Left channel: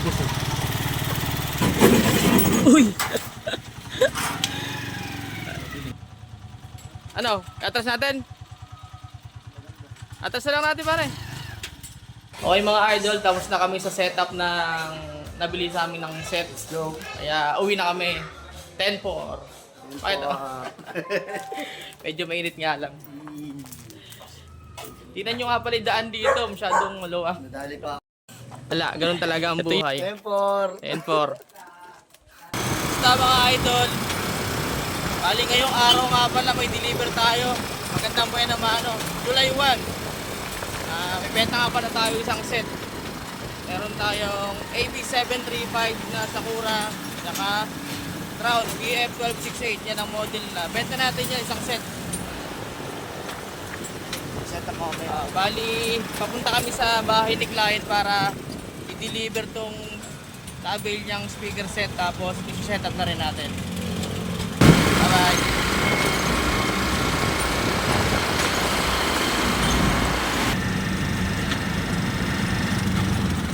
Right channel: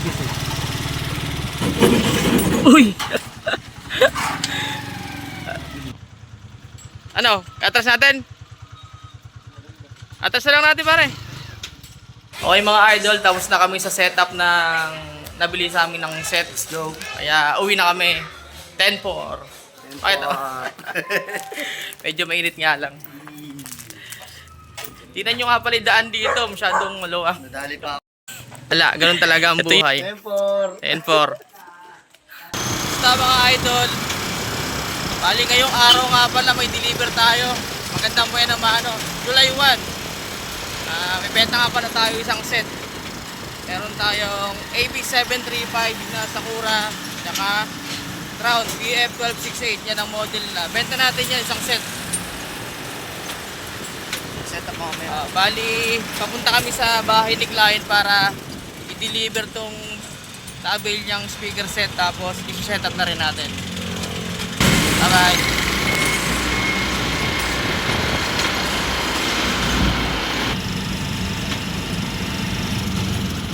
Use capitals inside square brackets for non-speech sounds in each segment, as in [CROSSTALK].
Eh. Uy! ano? Atras natin? Atras na lang natin pare. Okay mga idol, tapos na kami sa setup ng nabili sa amin ng set go. Kaya uwi na kami. 10-4. Ay. [LAUGHS] Medyo mainit nga lang. Tingnan nyo nga pala yung daan dito, masyadong maluwang. Nadali pa Wala, ganun talaga ang buhay. Tempor. 10-4. Sa mga idol, bali ngayong araw nga pala may deliver tayo. Magandang buhay naman ano, July 1. Ah, may benta nga pala tayo isang set. Meron tayong AB735 na Sakura, saka Crown BF1268. Yan ang model na. Benta natin yan isang set. Set up ako Ah, bali, papunta kami sa bahay ni client para i-deliver tong tabel niyang speaker set tapos i-set up na rin natin. Bye-bye.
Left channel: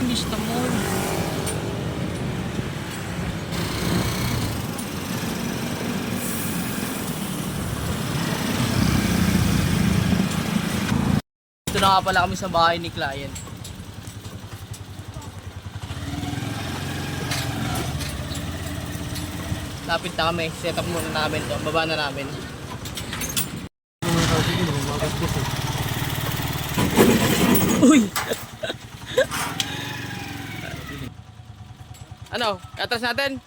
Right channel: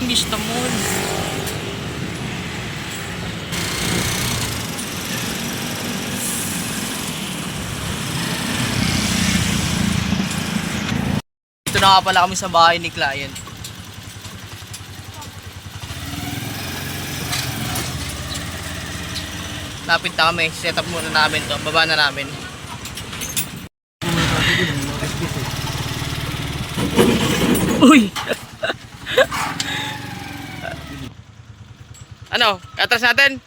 English tamol. Ito na nga pala kami sa bahay ni client. Lapit na kami. Set up muna namin to. Baba na namin. Uy! ano? Atras natin?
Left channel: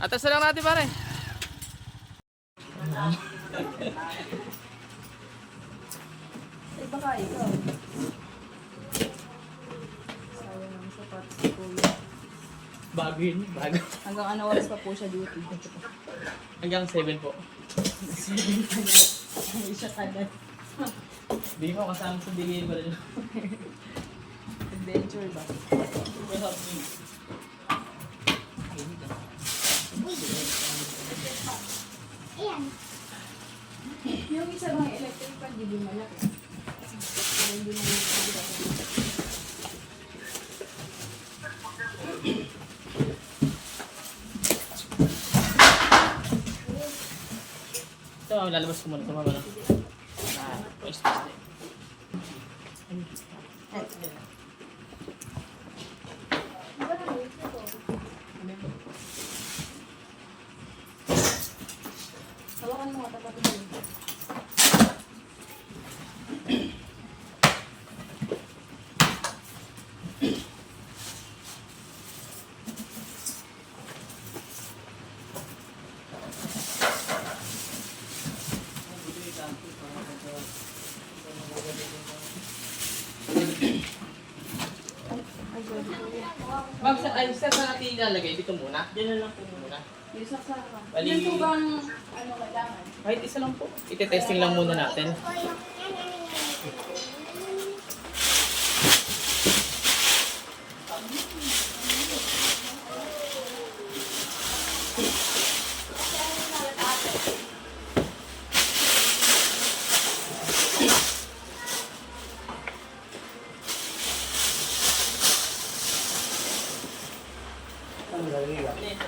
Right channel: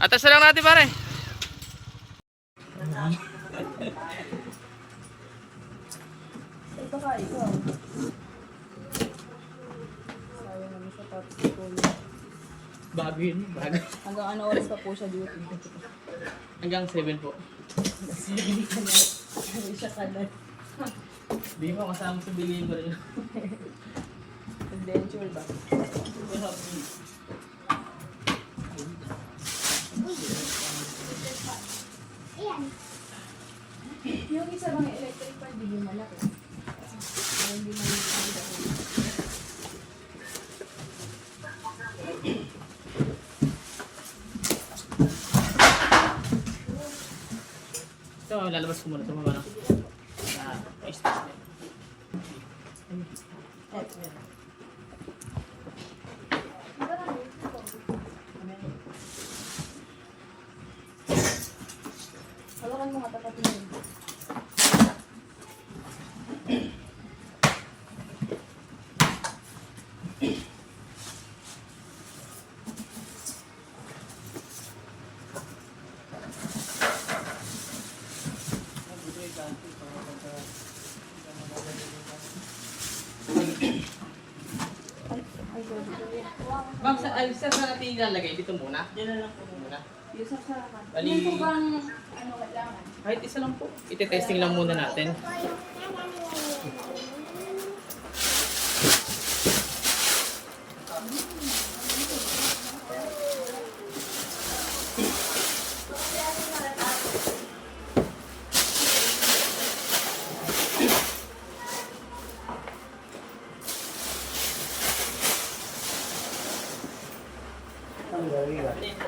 Atras na lang natin pare. Ay, baka ikaw. Sayang ang sapatos ni Kuya. Bago yun. Bago. Hanggang ano oras pa po siya duty? Hanggang 7 po. Ano siya kanan? Di mo kasama sa delivery. Adventure ba? Yung isa bang electric pa, di ba malaki? Hindi mo Ito, lalabas ko muna ito mama. Ah, paste paste. Hawakan mo nga tapatin mo. Ay, saan natin ilalagay? Dito muna? Dito lang po muna. Yung saksakan. Bali- Yan po bang ano kailangan? Kahit isa lang po. Ite-testing lang muna natin. Ka?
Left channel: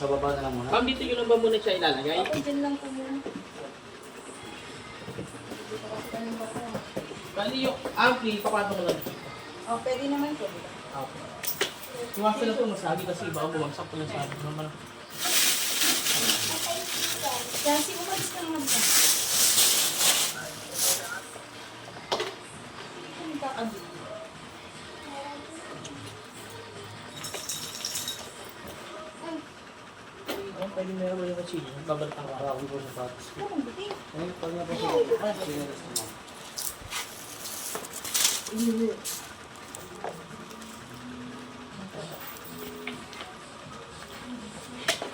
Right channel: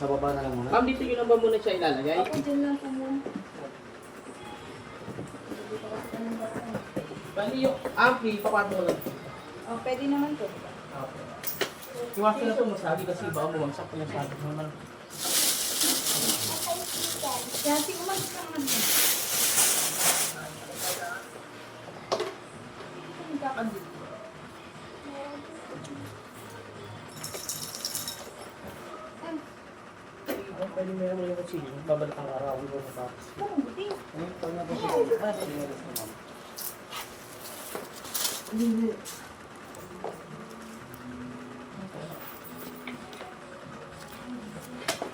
Sa baba na lang muna. Ma'am, dito yun lang ba muna siya ilalagay? Okay, dyan lang po muna. Bali yung ampli, papatong ko lang. Oh, pwede naman po, di ba? Okay. Iwasan na ito masabi kasi baka bumagsak pa lang sabi. Mama, Kasi umalis ka naman Pwede mo naman yung kutsilyo. Babalik ang araw ko na buti. Ayun, pwede na po siya. Ah, sige.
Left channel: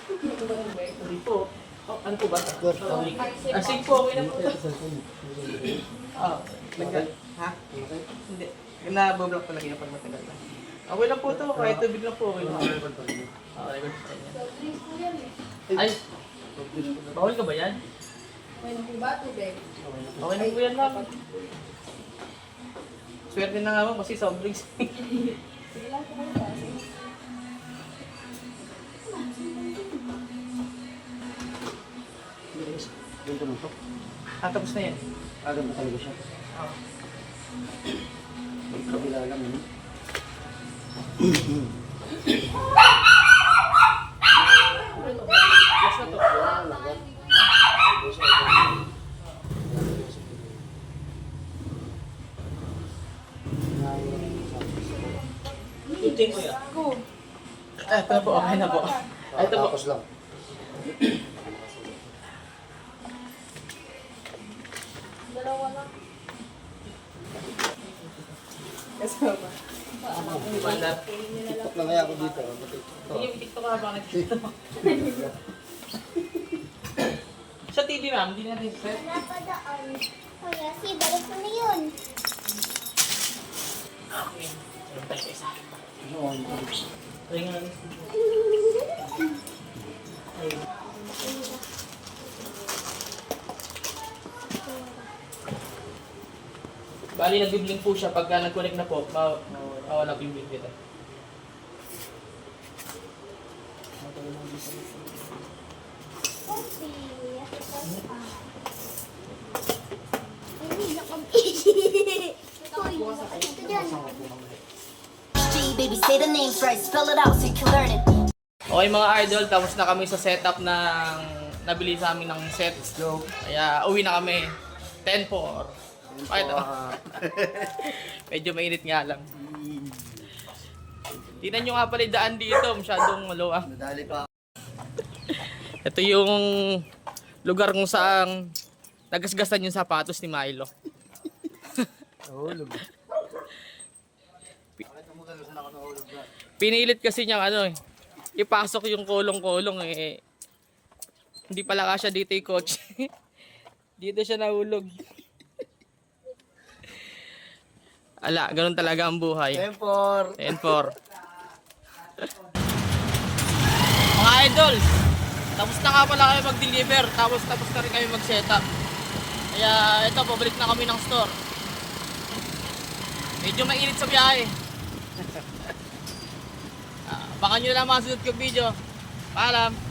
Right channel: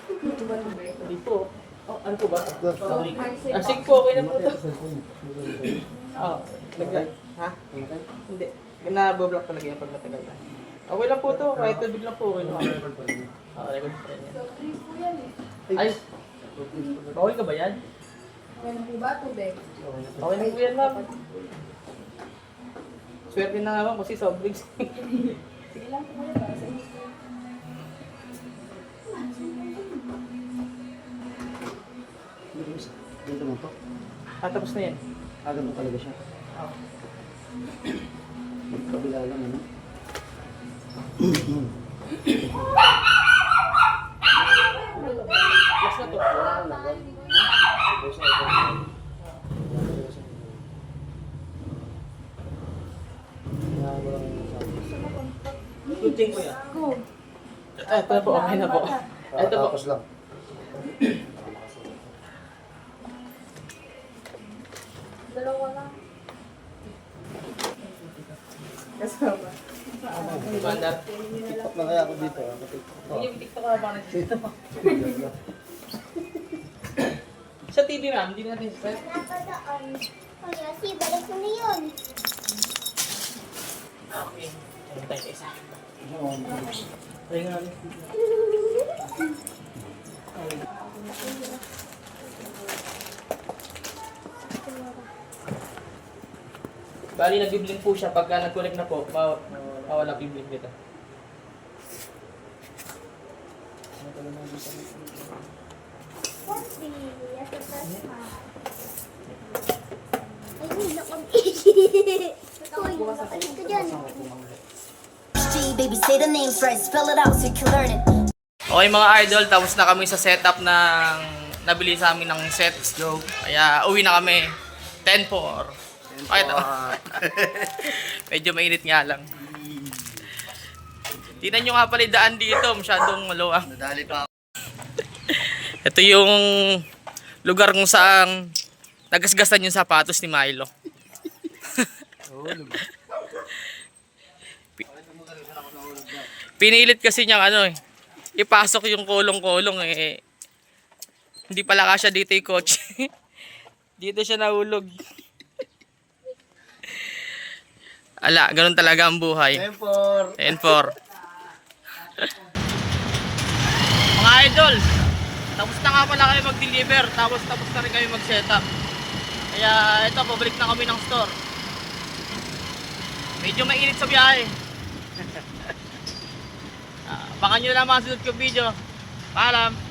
Ito ba ito ba? Hindi po. Oh, ano po ba? Ah, sige po, okay na po. Ah, nag Ha? Hindi. Nabablock talaga yan pag matagal na. Okay lang po ito. Kahit tubig lang po. Okay lang. Ah, record pa rin yan. So, drinks po yan eh. Ay, bawal ka ba yan? Okay na po ba? Tubig. Okay na po yan, ma'am. Swerte na nga mo kasi soft [LAUGHS] drinks. Sige lang po kayo. Ganito mo to. ah, tapos na yan. Agad na talaga siya. Oh. May kabila lang ano. [CLEARS THROAT] Yan. Po. Ah, ito na po, okay na po. Ito po. Tapos lang. Dalawa lang. Kasama. Mandar. TikTok na kaya ako dito. ah. Yung TikTok ka ba nag-TikTok? Sa TV ma'am, hindi natin set. Napadaan. Kaya si balik na Ringan. Bali, nag-bibling po siya. Pagka nag-connect na po, ma- mawala bibling kita. Ay, hindi na kami. [LAUGHS] Ito dyan. Baby, say the name first. Spell it out so you can learn it. Okay mga idol, tapos na kami sa setup ng nabili sa amin ng set. Let's go. Kaya uwi na kami. 10-4. Okay to. [LAUGHS] Medyo mainit nga lang. Tingnan nyo nga pala yung daan dito, masyadong maluwang. Nadali pa ako. [LAUGHS] Ito yung lugar kung saan nagasgasan yung sapatos ni Milo. [LAUGHS] Pi- Pinilit kasi niyang ano eh, ipasok yung kulong-kulong eh. Hindi pala kasya dito yung coach. [LAUGHS] dito siya nahulog. [LAUGHS] Ala, ganun talaga ang buhay. Tempor. 10-4. [LAUGHS] Mga idol, tapos na nga pala kami mag-deliver, tapos tapos na rin kami mag-setup. Kaya ito, pabalik na kami ng store. Medyo mainit sa biyahe. Abangan nyo lang mga sunod ko video. Paalam.